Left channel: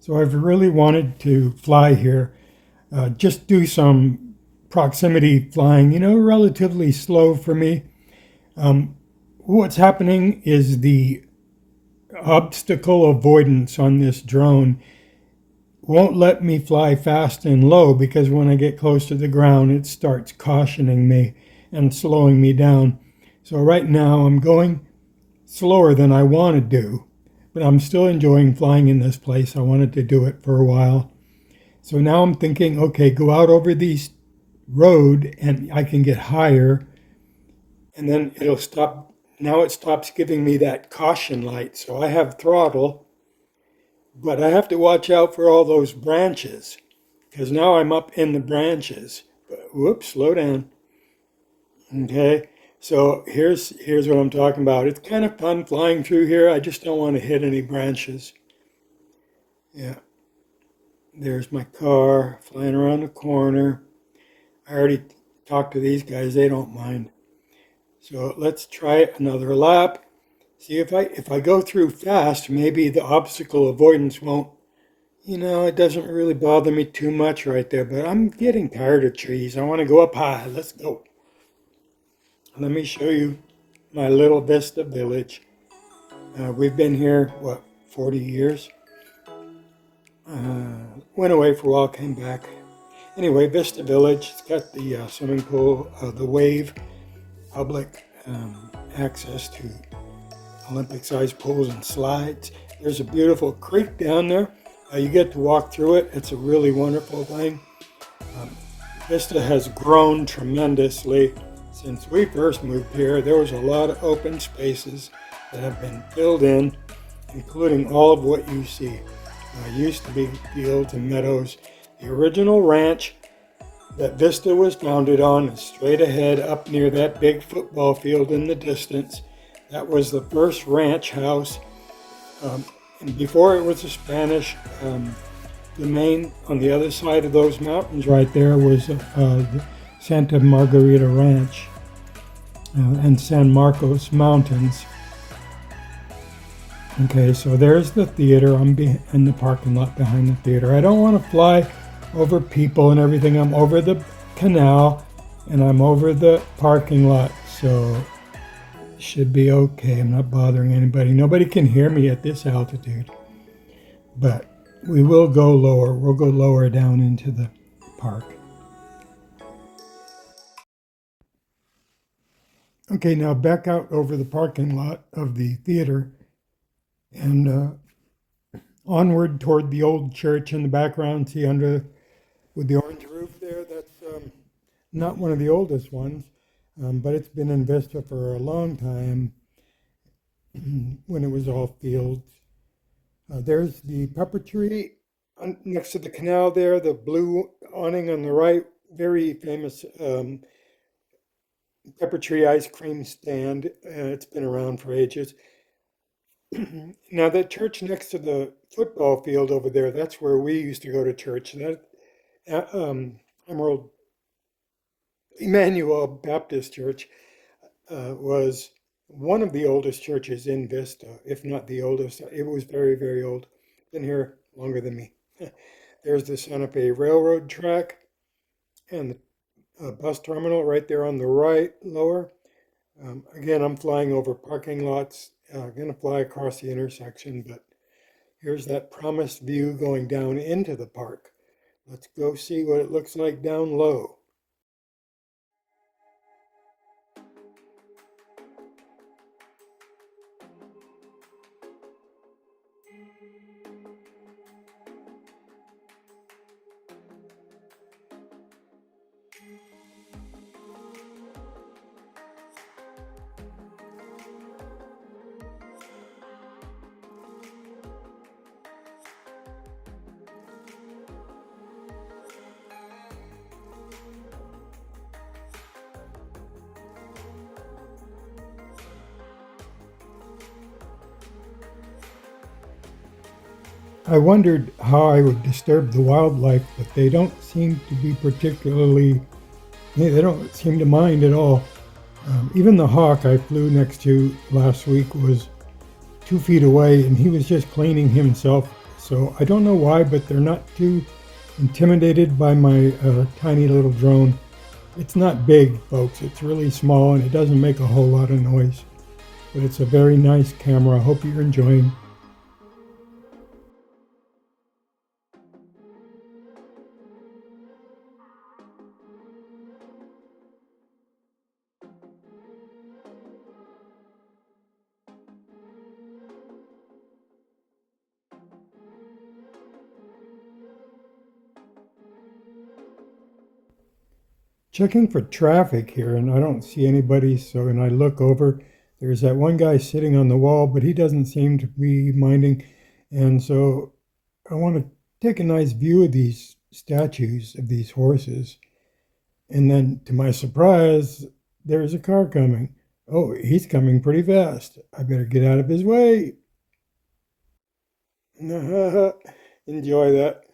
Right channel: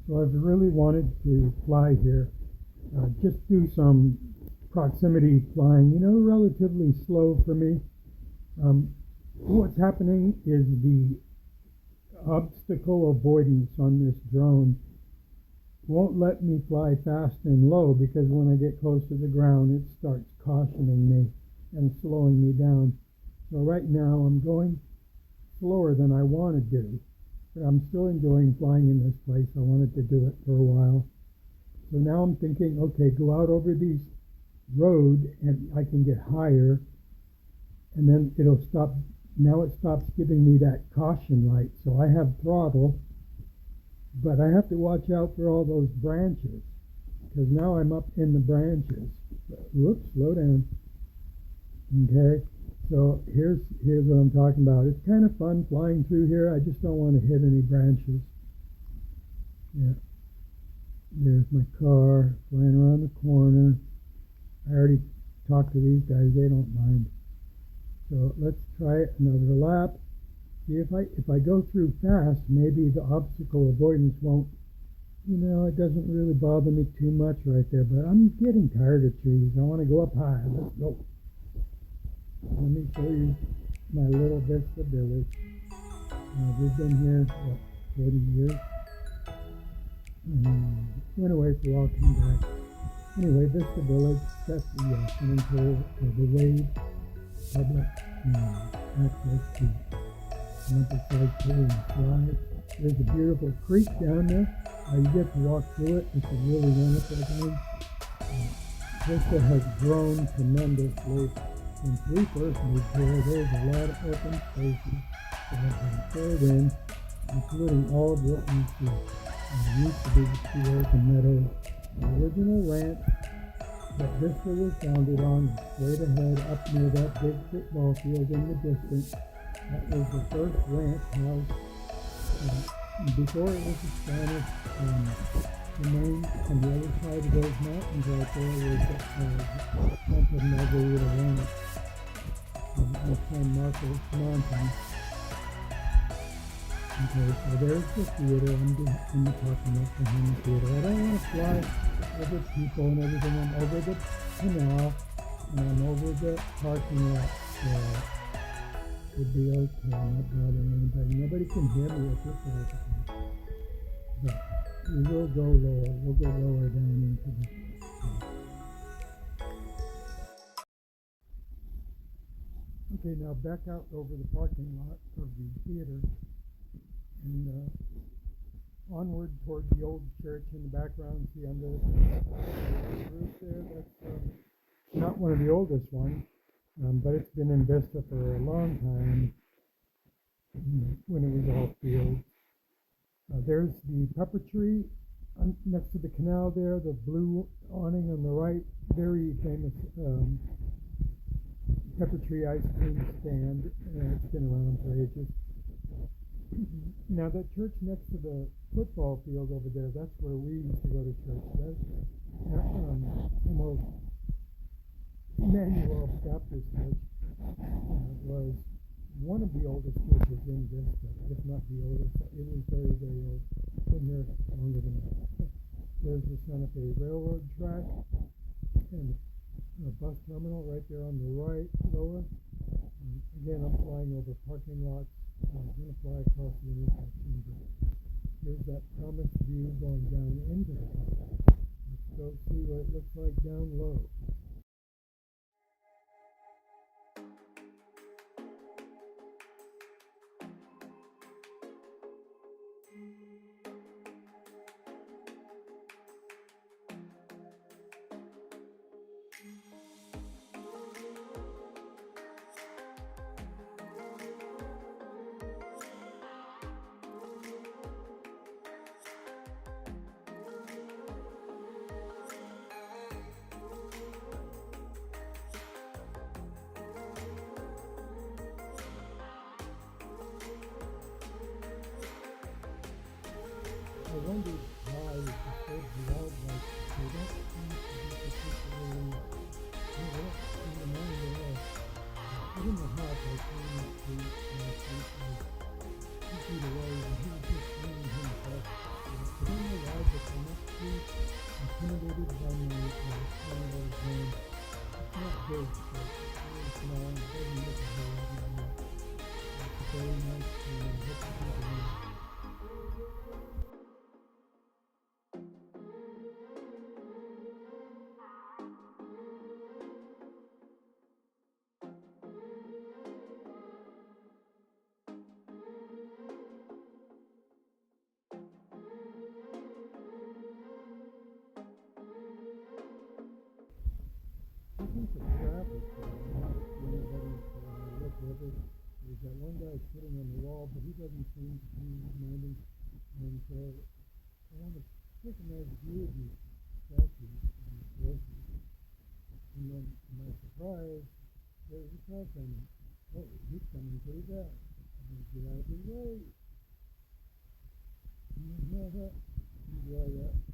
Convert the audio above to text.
So I've really wanted to fly here, just do some proximity flying, relatively slow for me. Um, what's happening is the obstacle avoidance on this drone won't let me fly fast and low because when I get close to the ground, it starts cautioning me and slowing me down. So right now I'm going slower than I want to do, but I'm still enjoying flying in this place. I wanted to do it for a while. So now I'm thinking, okay, go out over these road and I can get higher and then it'll stop. Now it stops giving me that caution light. So I have throttle, but I have to watch out for all those branches because now I'm up in the branches. But, whoops, slow down. Okay, so here's what I'm talking about. It's kind of fun flying through here. I just don't want to hit any branches. Yeah, there's my car flying around the corner. I already talked to these guys. They don't mind. So let's try another lap. See if I go through fast, maybe the obstacle avoidance won't. It doesn't really bother me too much right there. But I'm getting tired of trees. I want to go up high. Let's go. Let me show you my little Vista village. We've been here, 40 years? Went away for a while, came back. Anyway, Vista Village, it's got the swimming pool, the wave, public access to Olympic-sized pools and slides. There's a beautiful creek down there. You get to walk through it. It's a really wonderful thing. Vista has grown tremendously. Since we first moved here, there was a lot of open spaces that have been filled in, including all of what you see. Used to be fields and meadows. The original ranch that Vista was founded on is straight ahead up near that big football field in the distance. That was the first ranch house. And before it was a Spanish domain, on the other side of those mountains right there was Santa Margarita Ranch and San Marcos Mountains. Okay, so there's the theater. I'm in the parking lot behind the theater. I don't want to fly over people and everything. I'm over the canal and I'm over the parking lot, so it should be okay. I'm not bothering anybody. Nobody can hear me at this altitude, but we will go lower. We'll go lower down into the park. Okay, now back out over the parking lot of the theater and onward toward the old church in the background. See under with the orange roof there? That's not one of the oldest ones, but it's been in Vista for a long time when it was all fields. There's the pepper tree next to the canal there, the blue awning on the right, very famous pepper tree ice cream stand. It's been around for ages. Now that church next to the football field over there, that's where we used to go to church. That Emerald Emmanuel Baptist Church was one of the oldest churches in Vista, if not the oldest. It was very, very old. Been here longer than me. There's the Santa Fe Railroad track and the bus terminal right there on the right, lower. Again, I'm flying over parking lots. Going to fly across the intersection, but here's that promised view going down into the park. Let's go see what it looks like down low. I wondered how I would disturb the wildlife, but they don't seem to be particularly, they don't seem to mind at all. Even the hawk I flew next to last week was 2 feet away and he was just cleaning himself So I don't know why, but they're not too intimidated by my tiny little drone. It's not big, folks. It's really small and it doesn't make a whole lot of noise. But it's a very nice camera. I hope you're enjoying. Checking for traffic here, and I don't see anybody. So, and I look over. There's that one guy sitting on the wall, but he doesn't seem to be minding. And so I want to take a nice view of these statues of these horses. And then, to my surprise, there's a car coming. Oh, he's coming pretty fast. I better get out of his way. Enjoy that.